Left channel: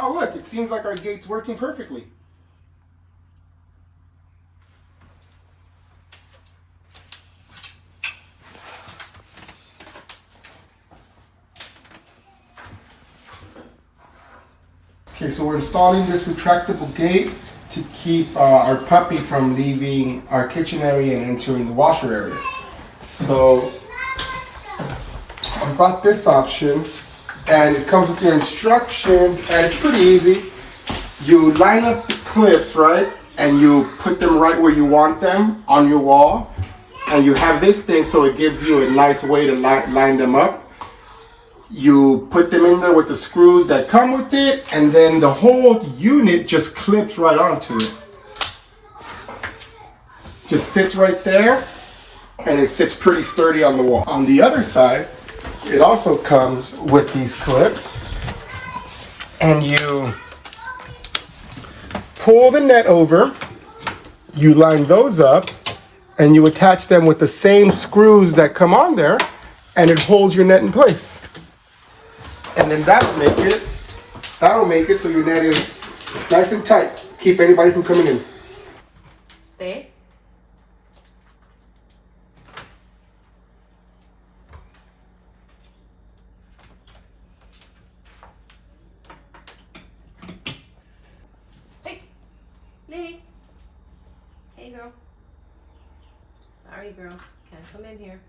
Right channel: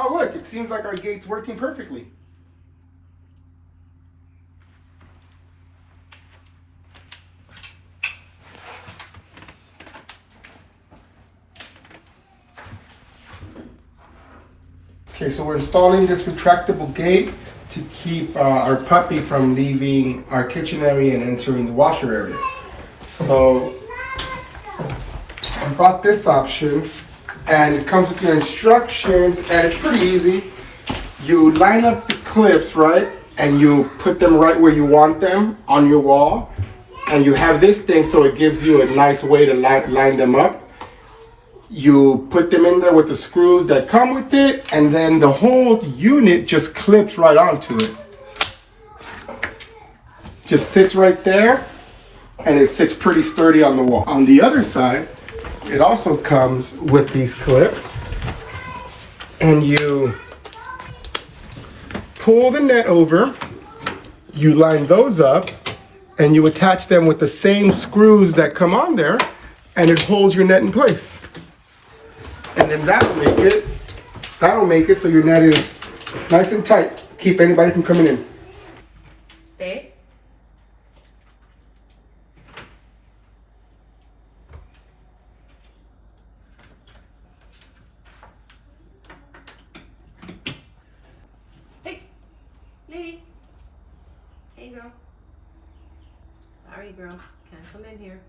Oh look, it seems like our gate's working perfectly. Okay, so we're installing this retractable gate to keep our puppy from leaving our kitchen area and entering the washer area. So we bought this option, and it comes with your instructions, and it's pretty easy. You line up the clips, right, and you put them right where you want them on your wall, and you have this thing so it gives you a nice way to line them up. You put them in there with the screws that come with it, and then the whole unit just clips right onto it. Just sits right there, and it sits pretty sturdy on the wall. On the other side, it also comes with these clips, and you pull the net over, you line those up, and you attach them with the same screws that come on there, and it holds your net in place. And then that'll make it so your net is nice and tight. Keep anybody from coming in. Stay. Hey, Lily. Hey, girl. Sorry, girl. Can't come in here.